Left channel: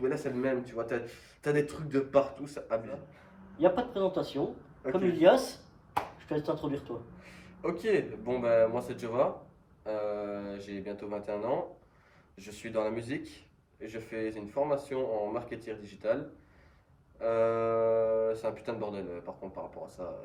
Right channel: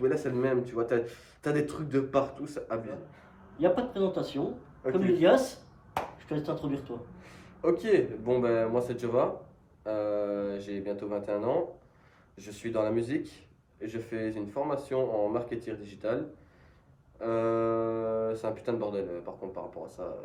Ouais, là, c'est le même, tu vois. T'as des trucs de partout, ça abuse. Il n'y a pas de présentation. Ok. Comme Ilias, je te laisse t'introduire toi. Ok, bon, ben, moi, c'est Jova. J'ai bientôt 21 ans. Je suis dans la musique et je fais une formation en marketing digital. C'est un putain de bordel, par contre, par rapport à ça.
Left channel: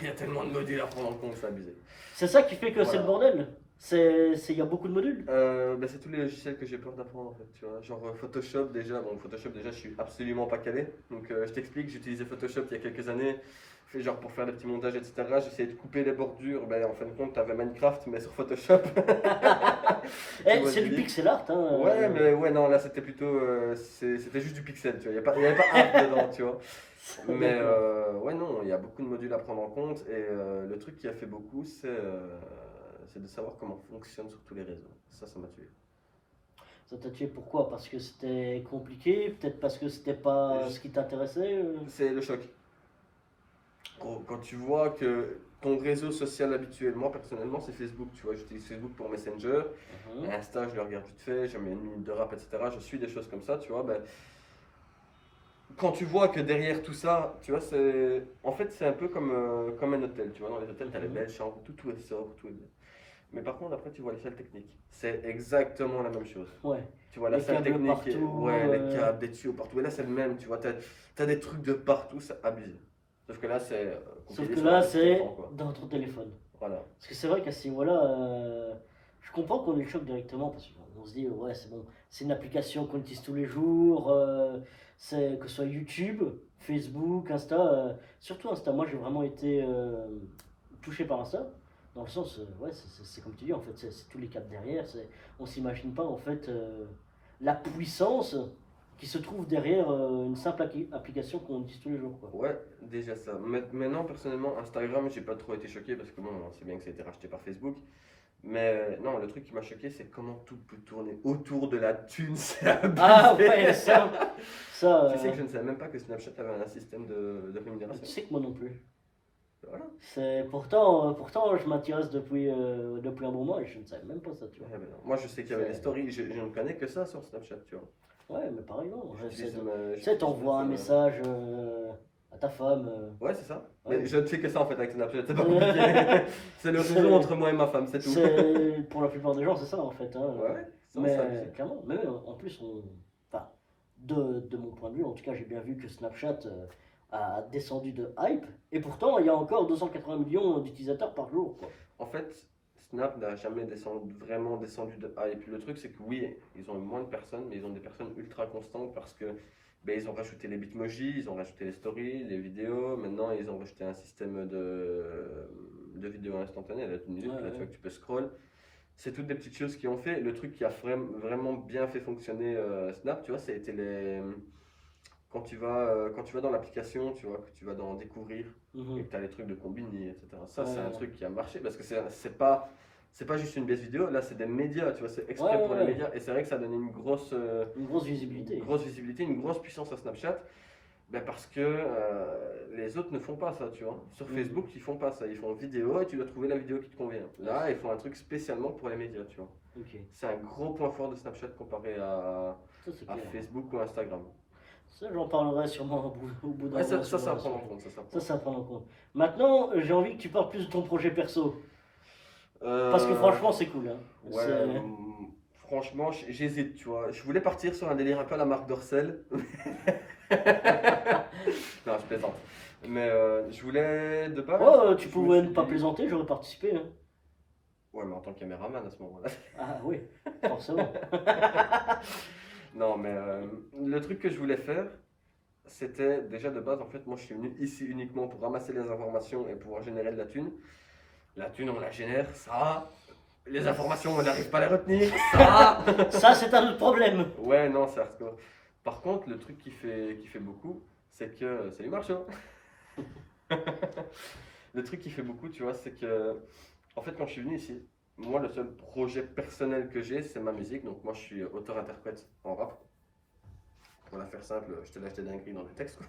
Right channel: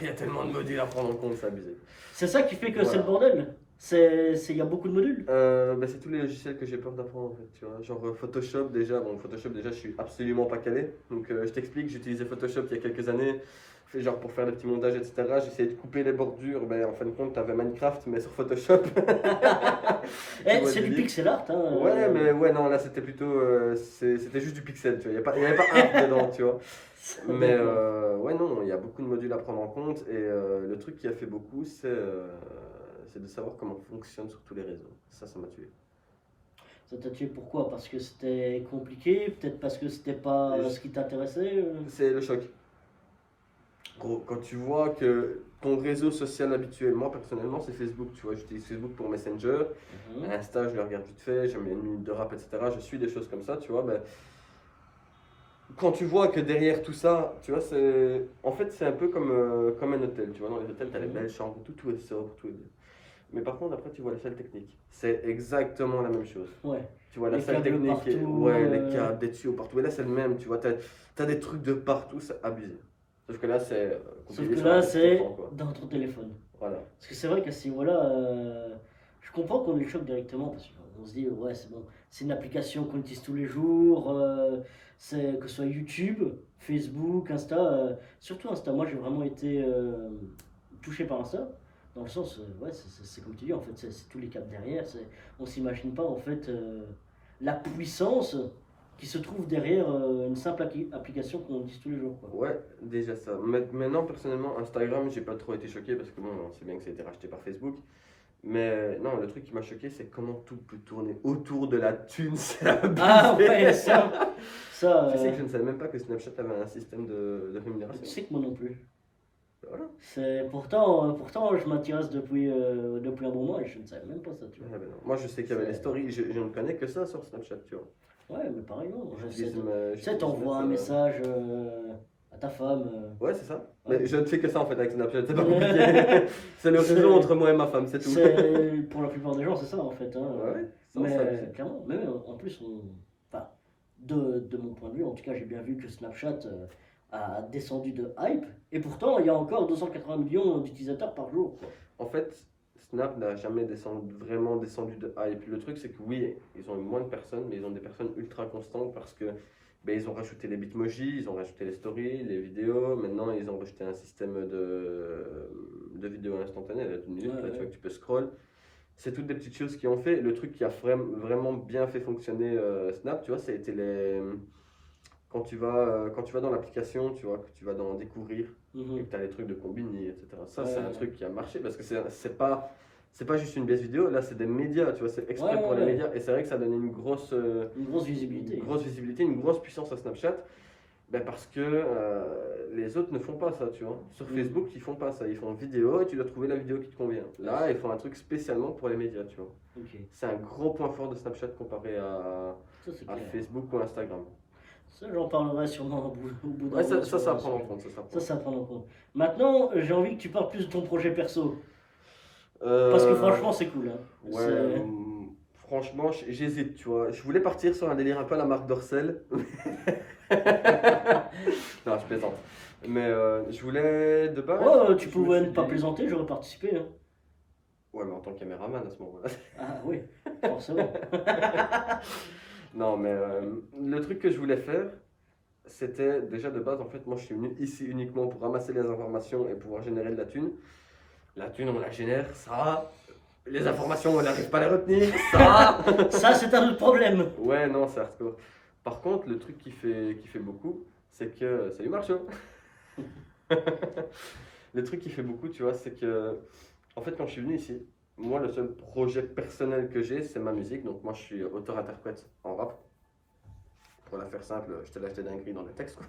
Il y a tellement de modules à prendre en compte, c'est abusé. C'est ça qui fait que c'est le Voilà. bordel. Il y a beaucoup de modules. Ben, c'est tous les logiciels que j'ai peur d'apprendre en fait, tu vois. Genre Photoshop déjà, bon Photoshop déjà je suis absolument pas calé. Donc je t'explique, j'utilisais Photoshop il y a quelques années, fait genre pour faire des petits montages etc. J'essayais de couper les bordures, ben en fin de compte t'avais Minecraft mais sur Photoshop. Tu vois le C'est du délire. pixel art, hein. Ouais mais ouais non là c'était plutôt, c'était juste du pixel, tu vois. Il y avait pas art dedans, tu vois. Mais D'accord. ouais non, il y a beaucoup de modules à prendre en compte et le truc qui a fait beaucoup c'est de savoir comment fonctionne sur tous les réseaux. Ça m'a tué. Ça t'a tué pourquoi? Parce que c'était compliqué? Peut-être parce que c'était pas ce qui t'intéressait? C'est le choc. Gros, quand tu vois que ton réseau social habituel, moi personnellement c'est Facebook, tu vois, j'utilise Facebook pour Messenger, Mhm. Insta je le regarde vite fait, j'aime une minute de rap, etc. Je suis des choses comme ça, tu vois, ben, quand tu vois que derrière tout ça, tu vois, en fait c'est un peu comme un hôtel, tu vois, dans les hôtels t'as les Mhm. belles chambres, tout est sobre, tout est bien. Mais par contre après tu vois les salles techniques, c'est exactement la même chose. Ouais. Tu vois, la Les salle câbles technique, partout. ouais, les câbles, des tuyaux partout. Et là, c'est le même, tu vois, t'as des trucs de partout, c'est abusé. Sauf que là, c'est Sauf compliqué que sur un là, truc que tu comprends, c'est quoi. dans ton téléphone. Voilà. Parce que c'est vrai qu'à ce niveau-là, je comprends qu'on ait le choc directement, parce qu'on se dit, ouais, c'est bon, c'est une application qu'on utilise tous les jours, que ce soit YouTube, Facebook, Insta, surtout Insta. Moi, j'ai vraiment été touché par Insta, dans le sens, ouais, c'est comme tu dis, en fait, c'est tous les câbles derrière, on s'imagine pas, en fait, la puissance qui se trouve derrière une simple application qu'on utilise tous les jours, quoi. Ouais, déjà ça. Maintenant, personnellement, Instagram, j'ai pas trop été choqué parce que bon, on sait bien que ça a été racheté par Facebook. Mais non, le truc qui m'a choqué, c'est comment tout peut tourner autour de la thune, c'est Ah abusé. ouais, ça, Tu sais que je ne savais même pas que Snapchat avait un système de tu rémunération. sais que moi non plus. Voilà. Pourtant, je m'intéresse depuis un bon moment et je ne savais même pas ça, tu Eh vois. ben non. Moi, je sais qu'il y avait les C'est, stories, je ne connais que ça sur Snapchat, tu vois. ouais, mais pareil, non. Tu sais, J'utilise t'envoies un Messenger. message à ta femme. Ouais, c'est ça. Ouais. Mais je ne fais que ça en fait avec Snapchat, c'est pas compliqué. C'est le réseau entre moi et ma femme, c'est tout. Pour la plupart des gens, c'est ça en fait, hein. Ouais, ouais, c'est Mais abusé. clairement, mais même, en plus, enfin, de mon point de vue, en tout cas, j'ai bien vu que Snapchat a descendu de hype. Et pourtant, il y a encore 280 millions d'utilisateurs par jour, quoi. En fait, Snap n'a jamais vraiment descendu de hype. Le truc, c'est que oui, ils ont moins de personnes, mais ils ont des personnes ultra constantes parce que ben, ils ont rajouté les bitmojis, ils ont rajouté les stories, les vidéos. Maintenant, ils ont rajouté un système de vidéos instantanées à une Ouais, minute. Là, tu vois ouais. que tu peux scroll. C'est toutes des petites choses qui ont fait. Le truc qui a vraiment bien fait fonctionner Snap, tu vois, ça a été quand tu vas dans l'application, tu vois, que tu vas dans découvrir et Mhm. que tu as les trucs de combiner, etc. Ça, c'est un Ouais, truc qui a marché parce que c'est pas juste une baisse vidéo, là, c'est des médias, tu vois, c'est ouais, exprès pour les ouais. médias et c'est vrai que ça donne Une grosse visibilité. une grosse puissance à Snapchat. Ben parce que les autres ne font pas ça, tu vois. Sur Mhm. Facebook, ils font pas ça. Ils font vidéo et tu dois trouver la vidéo qui te convient. Ouais, Là, ils font un truc spécialement pour les médias, tu vois. ok, C'est un gros point fort de Snapchat comparé ça c'est à clair. Facebook ou Instagram. Ça, j'en parlerai sûrement au bout d'un Ouais, moment ça sur c'est à un prendre en sujet. compte, ça c'est à Ça, prendre en c'est à compte. prendre en compte. Maintenant, j'ai envie que tu parles plus de ton projet perso. Parce que Euh, franchement, c'est cool, hein. ouais, franchement, j'hésite, tu vois. Je voulais partir sur un délire un peu à la marque Dorcel. Non, je plaisante. Mais je voulais de base, Oh, tu je me pouvais suis ne pas dit. plaisanter, j'aurais participé, hein. Ouais, mais en tant que caméraman à ce moment-là. Ah oui, forcément. Non, mais le truc que je voulais faire, c'était déjà de base, en fait, moi je suis venu ici uniquement pour ramasser les informations et pouvoir générer de la thune. La thune, on la génère, ça. Les informations, on n'arrive pas à les retenir, ça. Ça, c'est un autre problème. Ouais, non, c'est hardcore. Par contre, le truc qui fait beaucoup, c'est que. Salut Marcho! Le truc qui fait beaucoup, tu vois, c'est que. En fait, quand je suis venu ici, moi, le seul projet personnel que j'ai, c'est ma musique. Donc, moi, je suis auteur-interprète en rap. Pour la faire simple, je te lâche des dingueries dans les textes, quoi.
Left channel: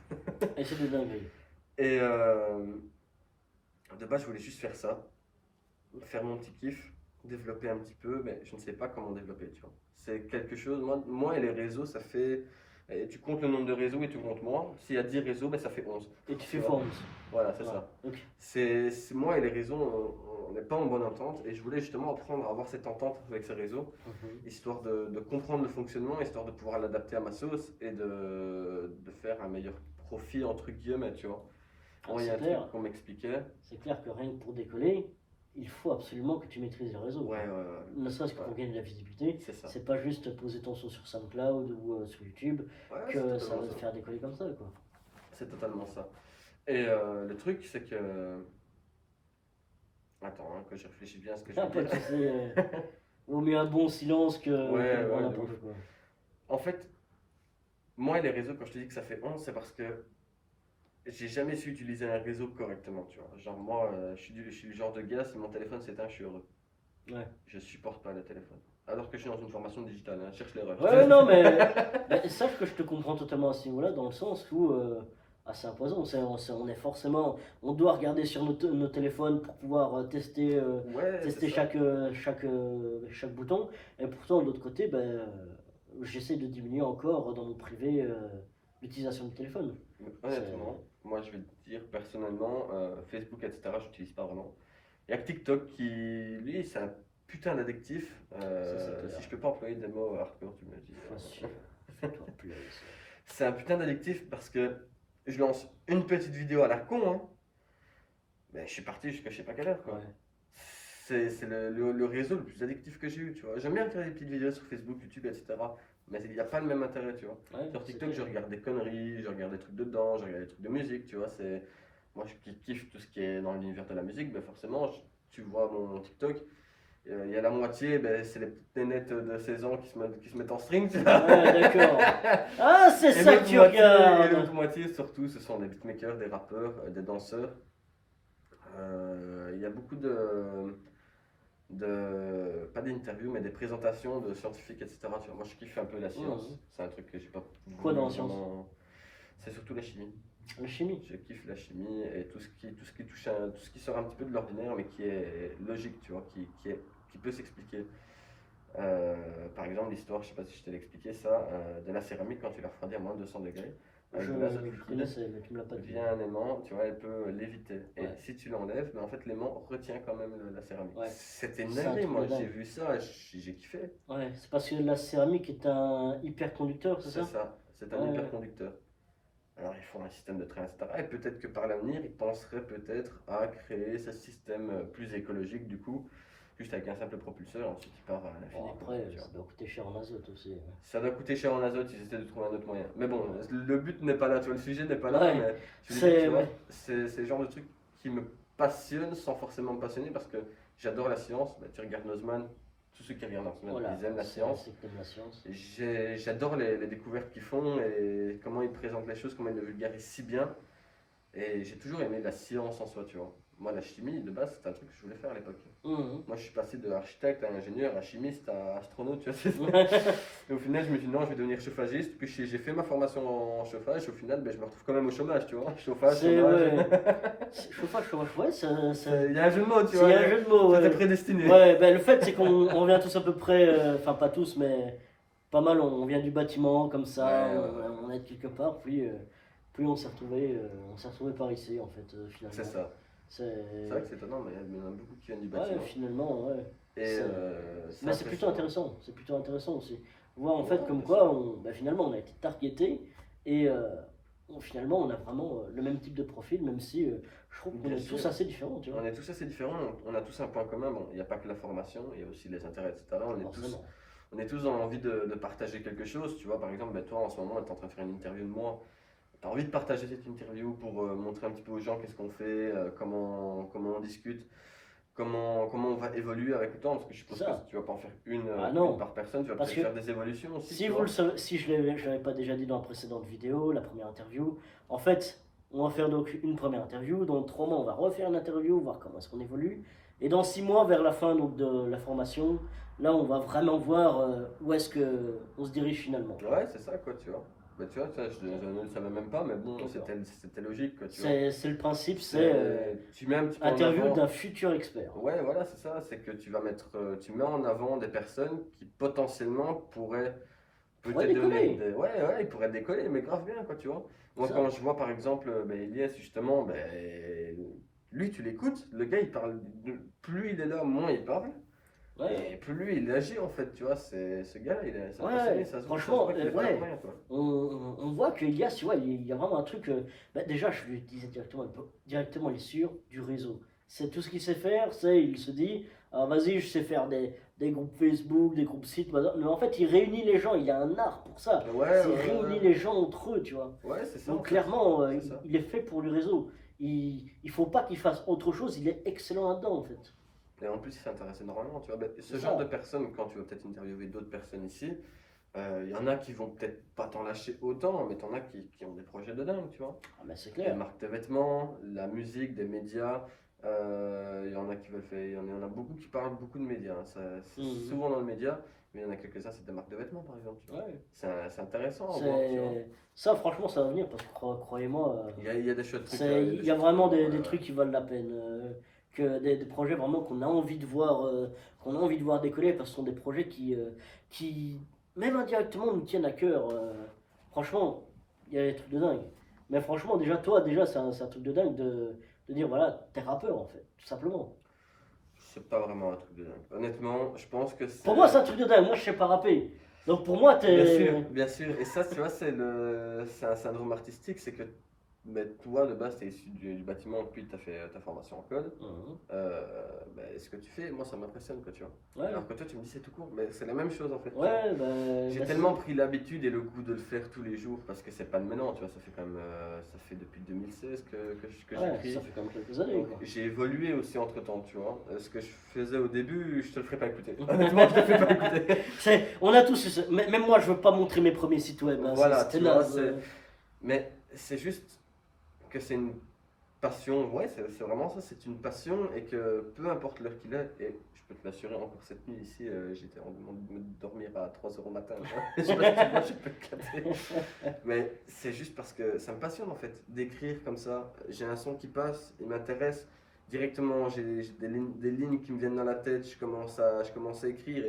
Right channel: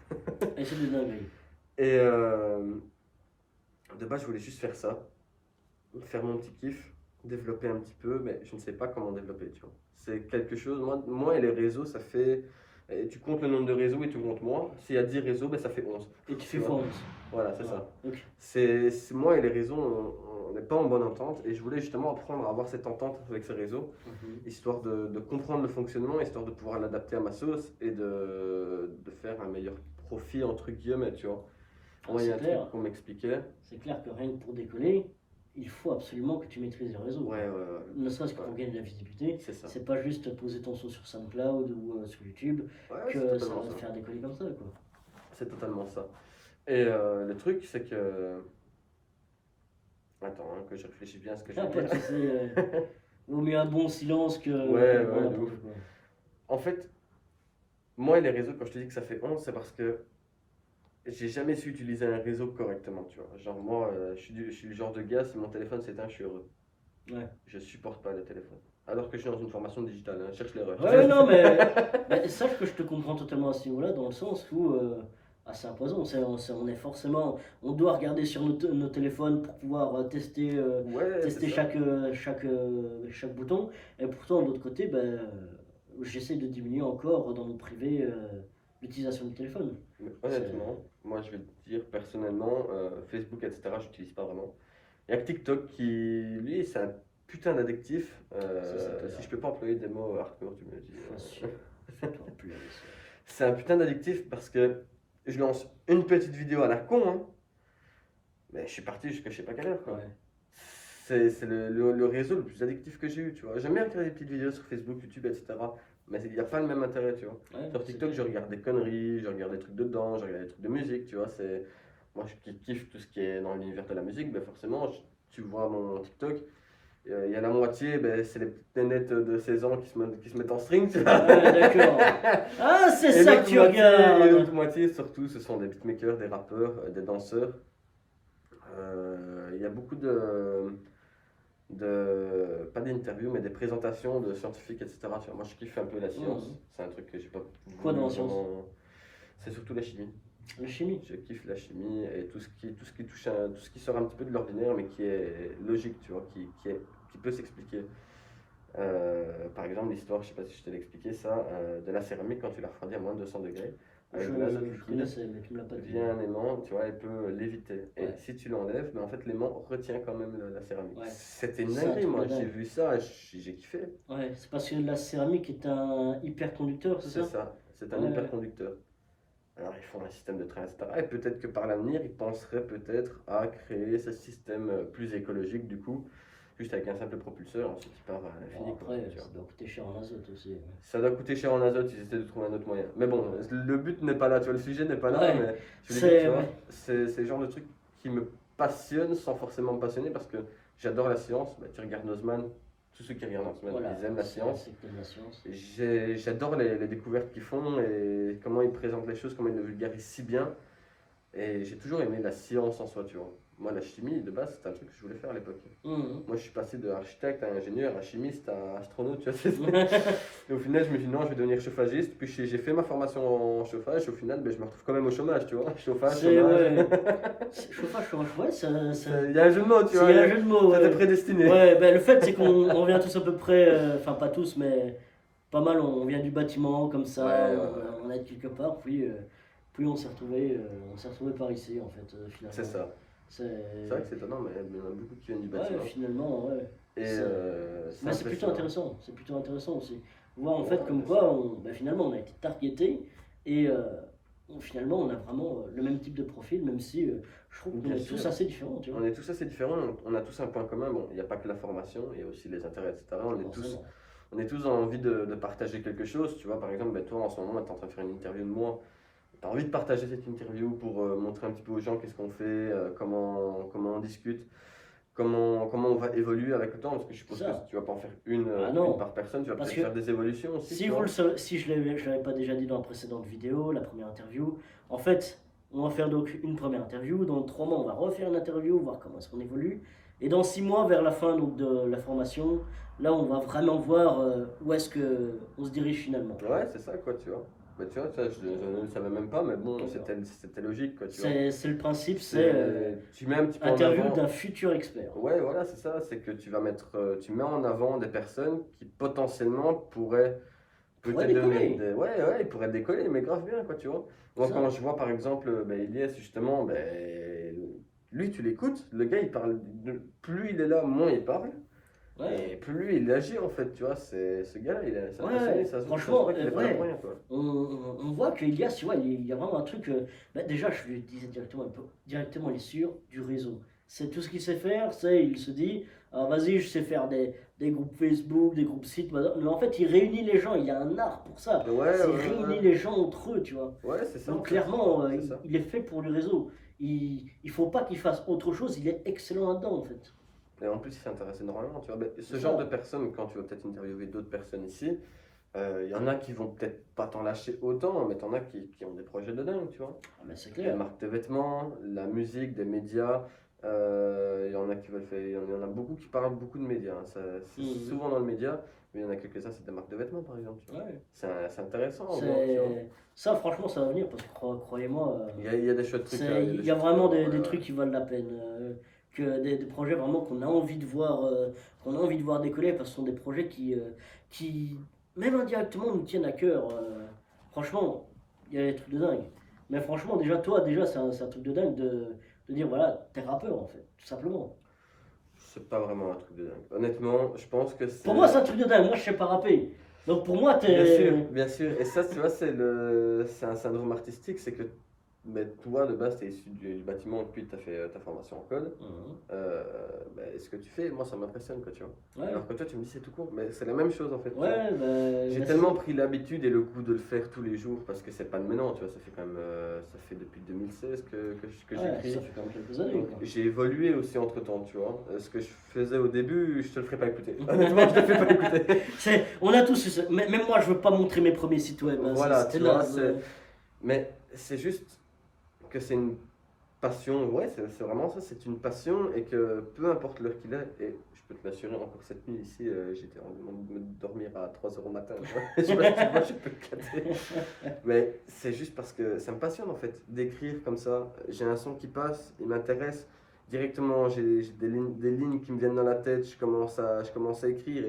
Et c'est des dingueries. Et de base, je voulais juste faire ça, faire mon petit kiff, développer un petit peu, mais je ne sais pas comment développer, tu vois. C'est quelque chose, moi et les réseaux, ça fait Et tu comptes le nombre de réseaux et tu comptes moi. S'il y a 10 réseaux, ben, ça fait 11. Et tu fais Tu vois. fois 11. Voilà, c'est Ouais. ça. Ok. Moi et les réseaux, on n'est pas en bonne entente. Et je voulais justement apprendre à avoir cette entente avec ces réseaux, Mhm. histoire de comprendre le fonctionnement, histoire de pouvoir l'adapter à ma sauce et de faire un meilleur profit, entre guillemets, tu vois. Ah, Moi, il y a c'est un clair. truc qu'on m'expliquait. C'est clair que rien que pour décoller, il faut absolument que tu maîtrises les réseaux. Ouais, Quoi. ouais, ouais. Ne serait-ce que Ouais, pour gagner de la visibilité, c'est ça. c'est pas juste poser ton son sur SoundCloud ou sur YouTube Ouais, c'est que ça totalement va te ça. faire décoller comme ça. Quoi. C'est totalement ça. Et le truc, c'est que. Attends, hein, que je réfléchis bien à ce que je Ah, veux pas dire. tu sais, vaut mieux un bon silence que Ouais, le grand ouais, de ouf. n'importe quoi. En fait, moi et les réseaux, quand je te dis que ça fait 11, c'est parce que j'ai jamais su utiliser un réseau correctement, tu vois. Genre, moi, je suis le genre de gars, si mon téléphone s'éteint, je suis heureux. Ouais. Je supporte pas le téléphone. Alors que je suis dans une formation digitale, hein, cherche l'erreur. Ouais, non, mais sache que je te comprends totalement à ce niveau-là, dans le sens où c'est imposant. On est forcément, on doit regarder sur nos téléphones pour pouvoir Ouais, c'est tester ça. chaque bouton. Et pourtant, de l'autre côté, j'essaie de diminuer encore dans mon privé l'utilisation du téléphone. Mais C'est honnêtement, moi, je vais te dire personnellement, Facebook, etc., j'utilise pas vraiment. Il y a que TikTok qui, lui, c'est un putain d'addictif. ça, c'est clair. Si je peux pas employer des mots hardcore, tu me le dis. Facile. Fais-toi plaisir. C'est un putain d'addictif parce que je lance une petite vidéo à la con, hein, mais je suis parti jusqu'à je sais pas quelle heure, quoi. Ouais. C'est le réseau le plus addictif que j'ai eu, tu vois. J'aime bien regarder des petites vidéos sur Facebook, YouTube, etc. Mais il n'y a pas le même intérêt, tu vois. Ouais, Sur c'est TikTok, je clair. regarde des conneries, je regarde des trucs dedans, je regarde des trucs de musique, tu vois. Moi, je kiffe tout ce qui est dans l'univers de la musique, mais forcément, tu vois mon TikTok, il y a la moitié, c'est les petites nénettes de 16 ans qui se mettent en string, tu vois. Ouais, d'accord. Ah, c'est Et ça que tu regardes. l'autre moitié, surtout, ce sont des beatmakers, des rappeurs, des danseurs. Il y a beaucoup pas d'interviews, mais des présentations de scientifiques, etc. Tu vois, moi, je kiffe un peu la science. Mhm. C'est un truc que j'ai pas Quoi dans la voulu science? vraiment- C'est surtout la chimie. La chimie. Je kiffe la chimie et tout ce qui touche tout ce qui sort un petit peu de l'ordinaire, mais qui est logique, tu vois, qui peut s'expliquer. Par exemple, l'histoire, je sais pas si je te l'ai expliqué, ça, de la céramique quand tu la refroidis à moins de 200 degrés, avec de l'azote Je liquide, connaissais, mais tu me l'as pas dit. via un aimant, tu vois, elle peut léviter. Et Ouais. si tu l'enlèves, mais en fait, l'aimant retient quand même la céramique. Ouais. C'était une C'est un dinguerie, truc moi, de dingue. j'ai vu ça, et j'ai kiffé. Ouais, c'est parce que la céramique est un hyperconducteur, c'est C'est ça? ça, c'est un Ouais. hyperconducteur. Alors, ils font un système de train, etc. Et peut-être que par l'avenir, ils penseraient peut-être à créer ce système plus écologique, du coup, juste avec un simple propulseur, ensuite il part à l'infini. Bon, quoi, après, tu vois. ça doit coûter cher en azote aussi. Ça doit coûter cher en azote, ils essaient de trouver un autre moyen. Mais bon, Ouais. le but n'est pas là, tu vois, le sujet n'est pas là, Ouais, mais je veux dire, tu vois, ouais. c'est le genre de truc qui me passionne sans forcément me passionner parce que j'adore la science. Bah, tu regardes Nozman, tous ceux qui regardent Nozman, Voilà, ils aiment la science. c'est que t'aimes la science. J'adore les découvertes qu'ils font et comment ils présentent les choses, comment ils le vulgarisent si bien. Et j'ai toujours aimé la science en soi, tu vois. Moi, la chimie, de base, c'était un truc que je voulais faire à l'époque. Mhm. Moi, je suis passé de architecte à ingénieur, à chimiste, à astronaute, tu vois. Et au final, je me dis non, je vais devenir chauffagiste. Puis j'ai fait ma formation en chauffage. Au final, je me retrouve quand même au chômage, tu vois. Chauffage, C'est, chômage. chauffage, ouais, Il y a un jeu de mots, tu il vois. y a un jeu de mots, C'était ouais. prédestiné. Ouais, le fait, c'est qu'on vient tous à peu près, enfin pas tous, mais pas mal, on vient du bâtiment comme ça, Ouais, ouais, ouais. on est de quelque part, puis on s'est retrouvé par ici en fait, finalement. C'est ça. C'est vrai que c'est étonnant, mais il y en a beaucoup qui viennent du Ouais, bâtiment. finalement, ouais. Et C'est- c'est Mais c'est plutôt impressionnant. intéressant aussi. Voir en Ouais, fait comme bien quoi, sûr. finalement, on a été targeté et finalement, on a vraiment le même type de profil, même si je trouve qu'on Bien est sûr. tous assez différents, tu vois. On est tous assez différents, on a tous un point commun. Bon, il n'y a pas que la formation, il y a aussi les intérêts, etc. Forcément. On est tous dans l'envie de partager quelque chose. Tu vois, par exemple, toi en ce moment, tu es en train de faire une interview de moi. Tu as envie de partager cette interview pour montrer un petit peu aux gens qu'est-ce qu'on fait, comment on discute, comment on va évoluer avec le temps. Parce que je suppose C'est ça. que tu vas pas en faire Ah non. une par personne, tu vas Parce peut-être que faire des évolutions aussi. Si tu vous vois. le savez, si je l'avais pas déjà dit dans la précédente vidéo, la première interview, en fait, on va faire donc une première interview. Dans 3 mois, on va refaire une interview, voir comment est-ce qu'on évolue. Et dans 6 mois, vers la fin donc, de la formation, là, on va vraiment voir où est-ce que on se dirige finalement. Ouais, c'est ça, quoi, tu vois. Bah, tu vois, ça, je ne le savais même pas, mais bon, D'accord. c'était logique, quoi, tu vois. C'est le principe, c'est Tu mets un petit peu en interview avant. d'un futur expert. Ouais, voilà, c'est ça. C'est que tu vas mettre, tu mets en avant des personnes qui potentiellement pourrait peut-être devenir décoller. Ouais, ouais, il pourrait décoller, mais grave bien, quoi, tu vois. Moi, Ça. quand je vois par exemple Elias, justement, lui, tu l'écoutes, le gars, il parle, plus il est là, moins il parle, Ouais. et plus lui, il agit, en fait, tu vois. Ce gars-là, c'est un passionné, Ouais, ça se franchement, voit qu'il est pas là pour ouais. rien, quoi. On voit que Elias, tu vois, il y a vraiment un truc. Bah, déjà, je lui disais directement, il est sûr du réseau. C'est tout ce qu'il sait faire, il se dit, ah, vas-y, je sais faire des groupes Facebook, des groupes sites, mais en fait, il réunit les gens, il a un art pour ça. Ouais, ouais, C'est ouais, réunir ouais. les gens entre eux, tu vois. Ouais, c'est ça, en Donc, fait. clairement, C'est ça. il est fait pour le réseau. Il faut pas qu'il fasse autre chose, il est excellent là-dedans, en fait. Et en plus, il s'intéresse énormément, tu vois. C'est Ce genre de ça. personnes, quand tu vas peut-être interviewer d'autres personnes ici, il y en a qui vont peut-être pas t'en lâcher autant, mais t'en as qui ont des projets de dingue, tu vois. Ah, mais c'est Les clair. marques de vêtements, la musique, des médias. Il y en a qui veulent faire, il y en a beaucoup qui parlent beaucoup de médias, hein. C'est Mhm. souvent dans le média, mais il y en a quelques-uns, c'est des marques de vêtements, par exemple, tu vois. Ouais. C'est intéressant à voir, tu vois. C'est ça, franchement, ça va venir parce que croyez-moi, Il y a des chouettes trucs, il y a il des y a chouettes trucs à vraiment voir, des ouais, trucs ouais. qui valent la peine, que des projets vraiment qu'on a envie de voir décoller parce que ce sont des projets qui même indirectement nous tiennent à cœur. Franchement, il y a des trucs de dingue. Mais franchement, déjà toi, déjà c'est un truc de dingue de dire voilà, t'es rappeur en fait, tout simplement. C'est pas vraiment un truc de dingue. Honnêtement, je pense que Pour moi, c'est c'est. un truc de dingue. Moi, je sais pas rapper. Donc pour moi, Bien sûr, t'es. bien sûr. Et ça, tu vois, c'est un syndrome artistique, c'est que mais toi, de base, tu es issu du bâtiment, puis tu as fait ta formation en code. Mhm. Ce que tu fais, moi, ça m'impressionne, quoi, tu vois. Ouais, Alors que toi, tu me dis c'est tout court, mais c'est la même chose, en fait, tu vois. ouais, J'ai bah, c'est tellement ça. pris l'habitude et le goût de le faire tous les jours, parce que c'est pas de maintenant, tu vois, ça fait quand même, ça fait depuis 2016 que Ouais, j'écris. ça fait quand même quelques années, Donc quoi. j'ai évolué aussi entre temps, tu vois. Ce que je faisais au début, je te le ferai pas écouter. Honnêtement, je te le fais pas écouter. On a tous eu ça. Même moi, je veux pas montrer mes premiers sites web, hein, Voilà, c'était tu vois, naze. mais c'est juste que c'est une passion, ouais, c'est vraiment ça, c'est une passion et que peu importe l'heure qu'il est, et je peux te l'assurer, encore cette nuit ici, j'étais en train de me dormir à 3 h matin. Tu vois. Je sais pas si tu vois, je peux te capter. Mais c'est juste parce que ça me passionne en fait, d'écrire comme ça. J'ai un son qui passe, il m'intéresse. Directement, j'ai des lignes qui me viennent dans la tête, je commence à écrire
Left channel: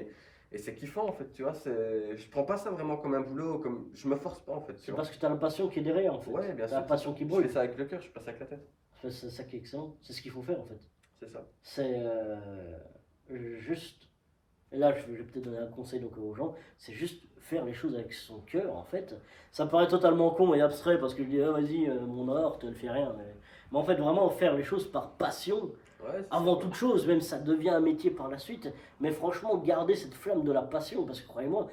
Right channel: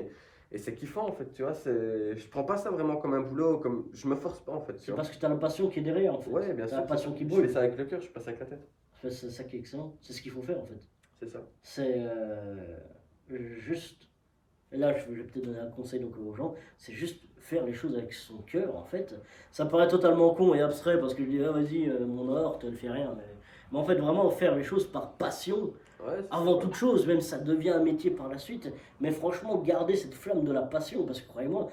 et c'est kiffant en fait, tu vois. Je prends pas ça vraiment comme un boulot, comme je me force pas en fait, tu C'est vois. parce que t'as la passion qui est derrière, en fait. Ouais, bien T'as sûr, la c'est ça. passion qui Je fais brûle. ça avec le cœur, je fais pas ça avec la tête. C'est ça qui est excellent. C'est ce qu'il faut faire, en fait. C'est ça. C'est juste. Et là, je vais peut-être donner un conseil donc, aux gens. C'est juste faire les choses avec son cœur, en fait. Ça paraît totalement con et abstrait parce que je dis, ah, vas-y, mon or, tu ne fais rien. Mais en fait, vraiment faire les choses par passion. Ouais, c'est ça, Avant quoi. toute chose, même ça devient un métier par la suite, mais franchement, garder cette flamme de la passion, parce que croyez-moi,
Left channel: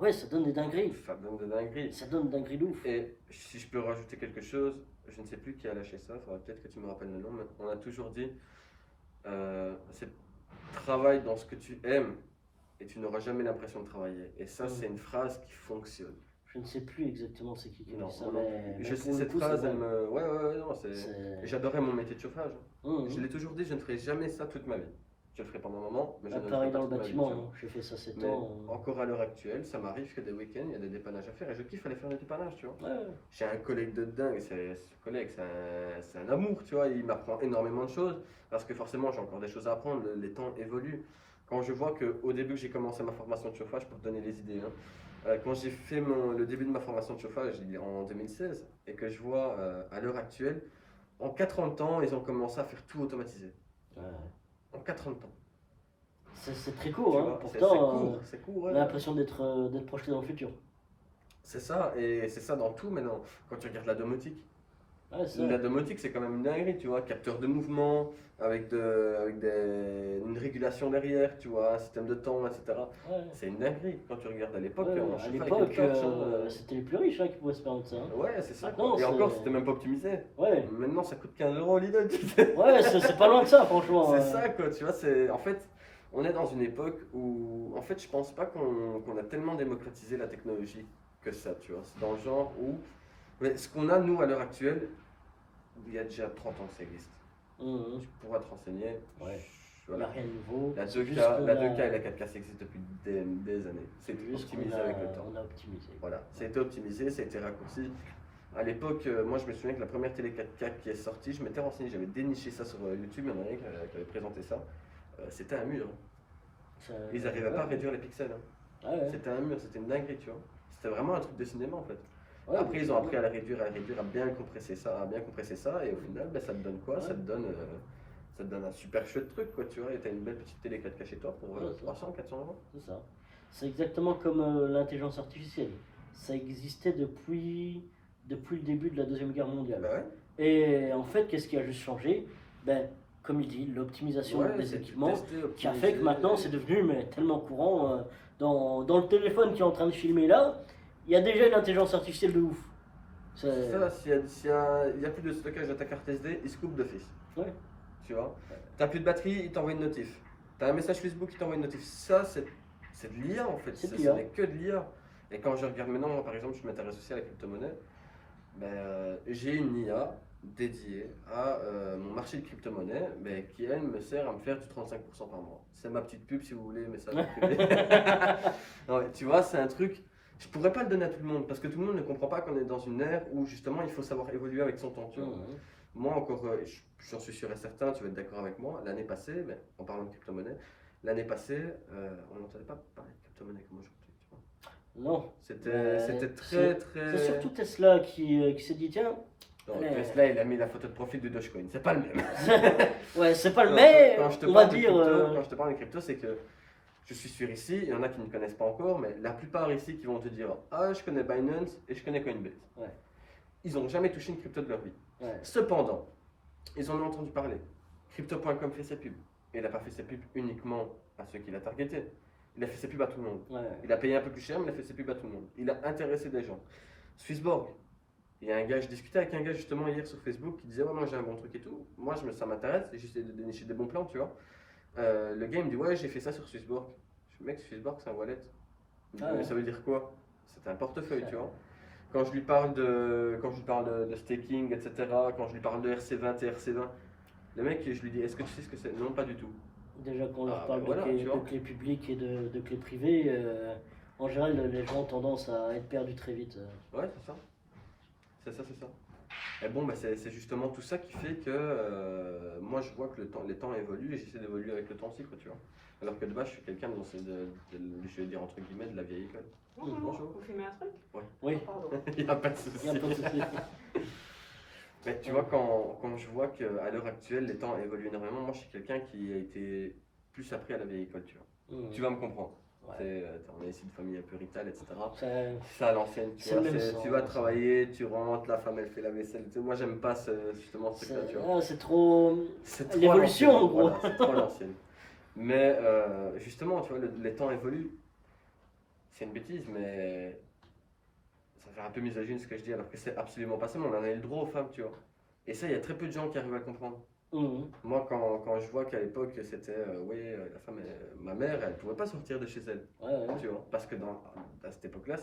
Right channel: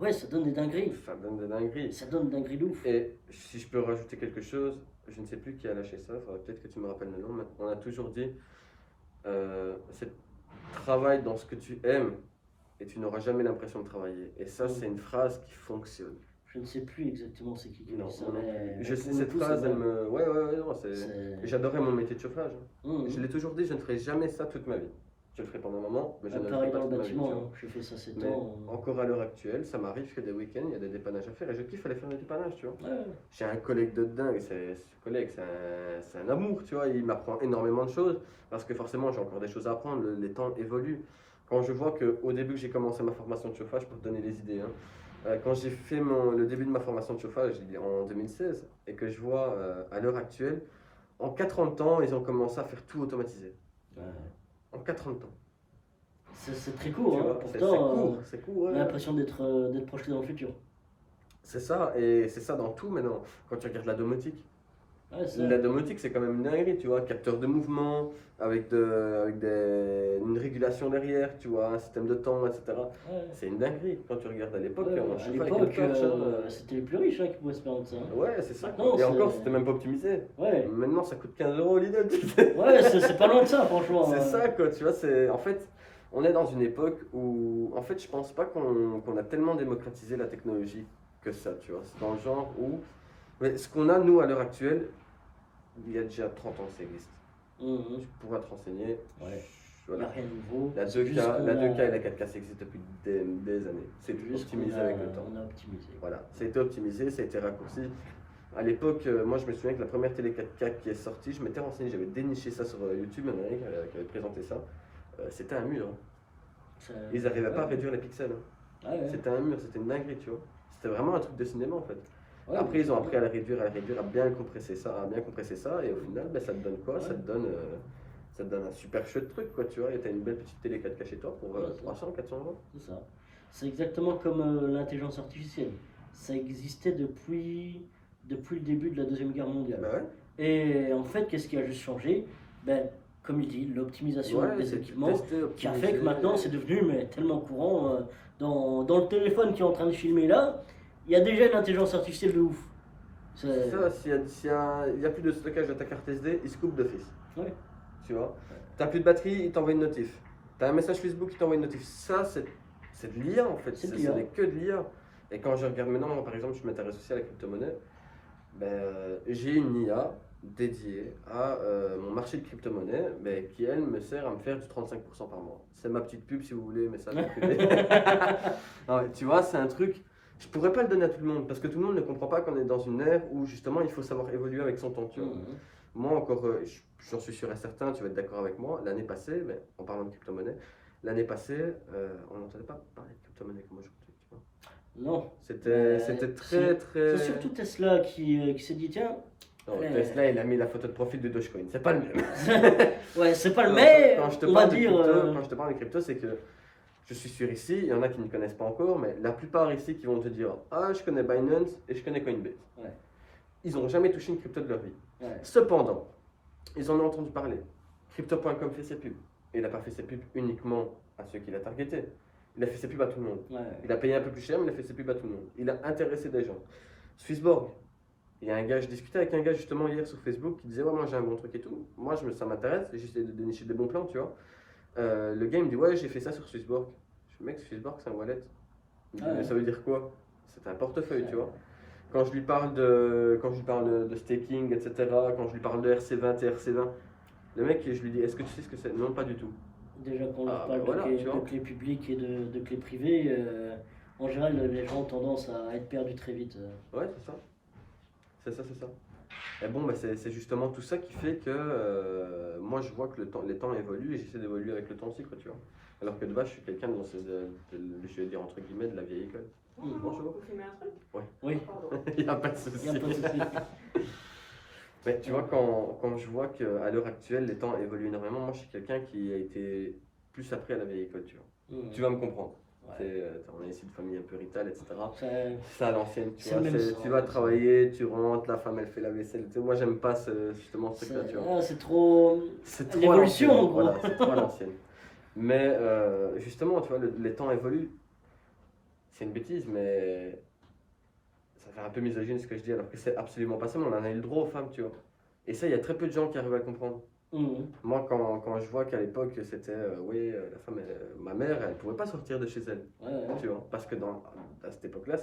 ouais, ça donne des dingueries. Ça donne de dinguerie. Ça donne des dingueries de ouf. Et si je peux rajouter quelque chose, je ne sais plus qui a lâché ça, il faudrait peut-être que tu me rappelles le nom, mais on a toujours dit, c'est travaille dans ce que tu aimes et tu n'auras jamais l'impression de travailler. Et ça, Mm. c'est une phrase qui fonctionne. Je ne sais plus exactement c'est qui Non, dit ça, moi non mais, plus. mais Je pour sais, le cette coup, c'est phrase, elle vrai. me. Ouais, ouais, ouais, non, J'adorais mon métier de chauffage, hein. Je Mhm. l'ai toujours dit, je ne ferai jamais ça toute ma vie. Je le ferai pendant un moment, mais je ne le ferai Pareil pas dans le toute ma vie, tu bâtiment, vois. hein. J'ai fait ça 7 Mais ans. encore à l'heure actuelle, ça m'arrive que des week-ends, il y a des dépannages à faire et je kiffe aller faire des dépannages, tu vois. Ouais, J'ai un collègue de dingue, ce collègue, c'est un amour, tu vois. Il m'apprend énormément de choses parce que forcément, j'ai encore des choses à apprendre, les temps évoluent. Quand je vois qu'au début que j'ai commencé ma formation de chauffage, pour te donner les idées, hein, quand j'ai fait le début de ma formation de chauffage en 2016 et que je vois à l'heure actuelle, en 4 ans de temps, ils ont commencé à faire tout automatiser. ouais. En 4 ans de temps. C'est très court, Tu hein. vois, Pourtant, c'est court, on a ouais. l'impression d'être projeté dans le futur. C'est ça, et c'est ça dans tout maintenant. Quand tu regardes la domotique, Ouais, c'est ça. la domotique c'est quand même une dinguerie, tu vois. Capteur de mouvement, une régulation derrière, tu vois, un système de temps, etc. Ouais. C'est une dinguerie. Quand tu regardes à l'époque, Ouais, on à chauffait avec l'époque, une torche, c'était les plus riches hein, qui pouvaient se permettre ça, hein. Ouais, c'est ça. Maintenant, Et encore, c'est. c'était même pas optimisé. Ouais, Maintenant, ça coûte 15 euros Lidl, tu sais. ouais, c'est pas loin de ça, franchement. C'est ça, quoi, tu vois. En fait, on est dans une époque où, en fait, je pense pas qu'on a tellement démocratisé la technologie que ça, tu vois. C'est dans le genre où. Mais ce qu'on a, nous, à l'heure actuelle, il y a déjà 30 ans que ça existe. Mhm. Tu pourras te renseigner. Ouais. Il n'y Voilà. a rien de nouveau. La C'est 2K, juste qu'on la a- 2K et la 4K, ça existe depuis des années. C'est c'est juste optimisé qu'on a, avec le temps. on a optimisé. Voilà, ça a été optimisé, ça a été raccourci. À l'époque, moi je me souviens que la première télé 4K qui est sortie, je m'étais renseigné, j'avais déniché ça sur YouTube, il y en a un qui avait présenté ça. C'était un mur, hein. Ça- Ils n'arrivaient pas à ouais. réduire les pixels, hein. Ah ouais. C'était un mur, c'était une dinguerie, tu vois. C'était vraiment un truc de cinéma en fait. Ouais, Après, mais ils ont c'est appris à la réduire, à bien compresser ça, et au final, ben, ça te donne quoi? Ouais. Ça te donne un super chouette truc, quoi, tu vois. Et t'as une belle petite télé 4K chez toi pour Ouais, ça. 300, 400 euros. C'est ça. C'est exactement comme l'intelligence artificielle. Ça existait depuis le début de la Deuxième Guerre mondiale. Bah ouais. Et en fait, qu'est-ce qui a juste changé? Ben, comme il dit, l'optimisation Ouais, des c'est équipements testé, qui a fait que optimisé. maintenant c'est devenu tellement courant. Dans le téléphone qui est en train de filmer là, il y a déjà une intelligence artificielle de ouf. C'est ça, il y a plus de stockage de ta carte SD, il se coupe d'office. Ouais. Tu vois. T'as plus de batterie, il t'envoie une notif. T'as un message Facebook, il t'envoie une notif. Ça, c'est de l'IA en fait. C'est de Ce l'IA. n'est que de l'IA. Et quand je regarde maintenant, moi, par exemple, je m'intéresse aussi à la crypto-monnaie. Ben, j'ai une IA dédiée à mon marché de crypto-monnaie, ben, qui elle me sert à me faire du 35% par mois. C'est ma petite pub si vous voulez, mais ça va privé. Non, mais tu vois, c'est un truc. Je pourrais pas le donner à tout le monde parce que tout le monde ne comprend pas qu'on est dans une ère où justement il faut savoir évoluer avec son temps. Tu vois. Mhm. Moi, encore, j'en suis sûr et certain, tu vas être d'accord avec moi. L'année passée, mais en parlant de crypto-monnaie, l'année passée, on n'entendait pas parler de crypto-monnaie comme aujourd'hui. Tu vois. Non. C'était très, très. C'est surtout Tesla qui s'est dit tiens, Non, Ouais. Tesla, il a mis la photo de profil du Dogecoin. C'est pas le même. ouais, c'est pas le Non, mais, quand je te on va parle de dire. crypto, quand je te parle de crypto, c'est que je suis sûr ici, il y en a qui ne connaissent pas encore, mais la plupart ici qui vont te dire ah, je connais Binance et je connais Coinbase. Ouais. Ils n'ont jamais touché une crypto de leur vie. Ouais. Cependant, ils en ont entendu parler. Crypto.com fait ses pubs. Et il n'a pas fait ses pubs uniquement à ceux qu'il a targetés. Il a fait ses pubs à tout le monde. Ouais. Il a payé un peu plus cher, mais il a fait ses pubs à tout le monde. Il a intéressé des gens. Swissborg. Il y a un gars, je discutais avec un gars justement hier sur Facebook qui disait ouais, moi j'ai un bon truc et tout. Moi ça m'intéresse et j'essaie de dénicher des bons plans, tu vois. Le gars il me dit ouais, j'ai fait ça sur Swissborg. Je dis mec, Swissborg c'est un wallet. Il me dit, Ah ouais. mais ça veut dire quoi? C'est un portefeuille, Ouais. tu vois. Quand je lui parle de staking, etc., quand je lui parle de RC20 et RC20, le mec, je lui dis est-ce que tu sais ce que c'est? Non, pas du tout. Déjà qu'on leur Ah, parle bah voilà, tu vois. de clés publiques et de clés privées, en général les gens ont tendance à être perdus très vite. Ouais, c'est ça. C'est ça, c'est ça. Et bon, bah, c'est justement tout ça qui fait que moi je vois que les temps évoluent et j'essaie d'évoluer avec le temps aussi, quoi, tu vois. Alors que de base, je suis quelqu'un je vais dire entre guillemets, de la vieille école. Bonjour. On filmer un truc? Oui, Il n'y a pas de il souci. n'y a pas de souci. Mais tu vois, quand je vois qu'à l'heure actuelle, les temps évoluent énormément, moi je suis quelqu'un qui a été plus appris à la vieille école, tu vois. Mhm. Tu vas me comprendre. Ouais. On est ici de famille un peu ritale, etc. Ça- C'est à l'ancienne, tu C'est vois. le même Tu sens, vas ça. travailler, tu rentres, la femme elle fait la vaisselle. Tu sais, moi j'aime pas justement ce truc-là, tu vois. c'est trop. C'est trop L'évolution, à l'ancienne, en gros. voilà, c'est trop à l'ancienne. Mais justement, tu vois, les temps évoluent. C'est une bêtise, mais ça fait un peu misogyne ce que je dis, alors que c'est absolument pas ça, mais on en a eu le droit aux femmes, tu vois. Et ça, il y a très peu de gens qui arrivent à le comprendre. Mhm. Moi, quand je vois qu'à l'époque, c'était, oui, la femme, ma mère, elle pouvait pas sortir de chez elle, Ouais, ouais, tu vois. Parce que à cette époque-là,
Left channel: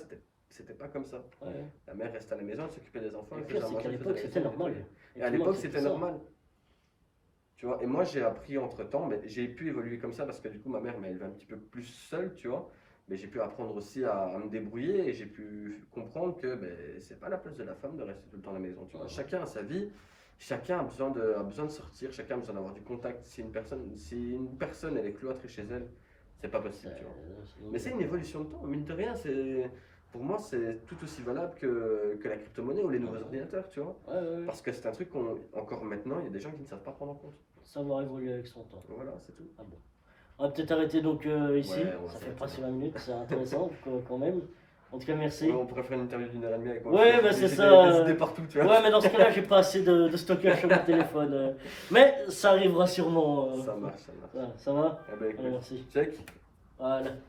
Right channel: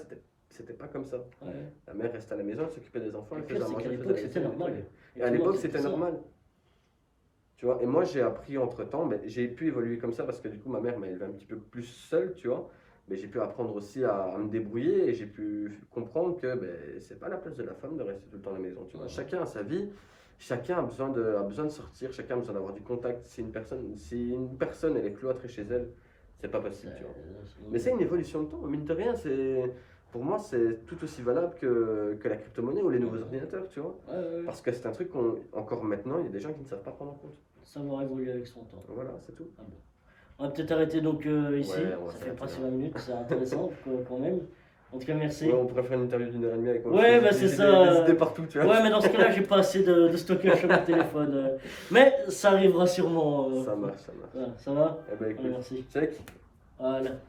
c'était pas comme ça. ouais. La mère restait à la maison, elle s'occupait des enfants, Le elle pire, faisait à c'est manger, qu'à elle l'époque, faisait la c'était vaisselle, normal. et tout à le monde l'époque, faisait c'était ça. normal. Tu vois, et moi j'ai appris entre temps, mais j'ai pu évoluer comme ça parce que du coup ma mère m'a élevé un petit peu plus seule, tu vois. Mais j'ai pu apprendre aussi à me débrouiller et j'ai pu comprendre que ben, c'est pas la place de la femme de rester tout le temps à la maison, tu vois. Chacun a sa vie, chacun a besoin de sortir, chacun a besoin d'avoir du contact. Si une personne elle est cloîtrée chez elle, c'est pas possible, tu vois. Mais c'est une évolution de temps, mine de rien, pour moi c'est tout aussi valable que la crypto-monnaie ou les nouveaux ordinateurs, tu vois. Ouais, ouais, ouais. Parce que c'est un truc encore maintenant, il y a des gens qui ne savent pas prendre en compte. Savoir évoluer avec son temps. Voilà, c'est tout. Ah bon. On va peut-être arrêter donc ici. Ouais, on va Ça fait s'arrêter presque là. 20 minutes, c'est intéressant quand même. En tout cas, merci. Ouais, on pourrait faire une interview d'1 heure et demie avec moi. Ouais, parce que bah, c'est j'ai ça. des idées partout, tu vois. Ouais, mais dans ce cas-là, j'ai pas assez de stockage sur mon téléphone. Mais ça arrivera sûrement. Ça marche, ça marche. Voilà, ça va? Eh ben Allez, écoute, merci. check. Voilà.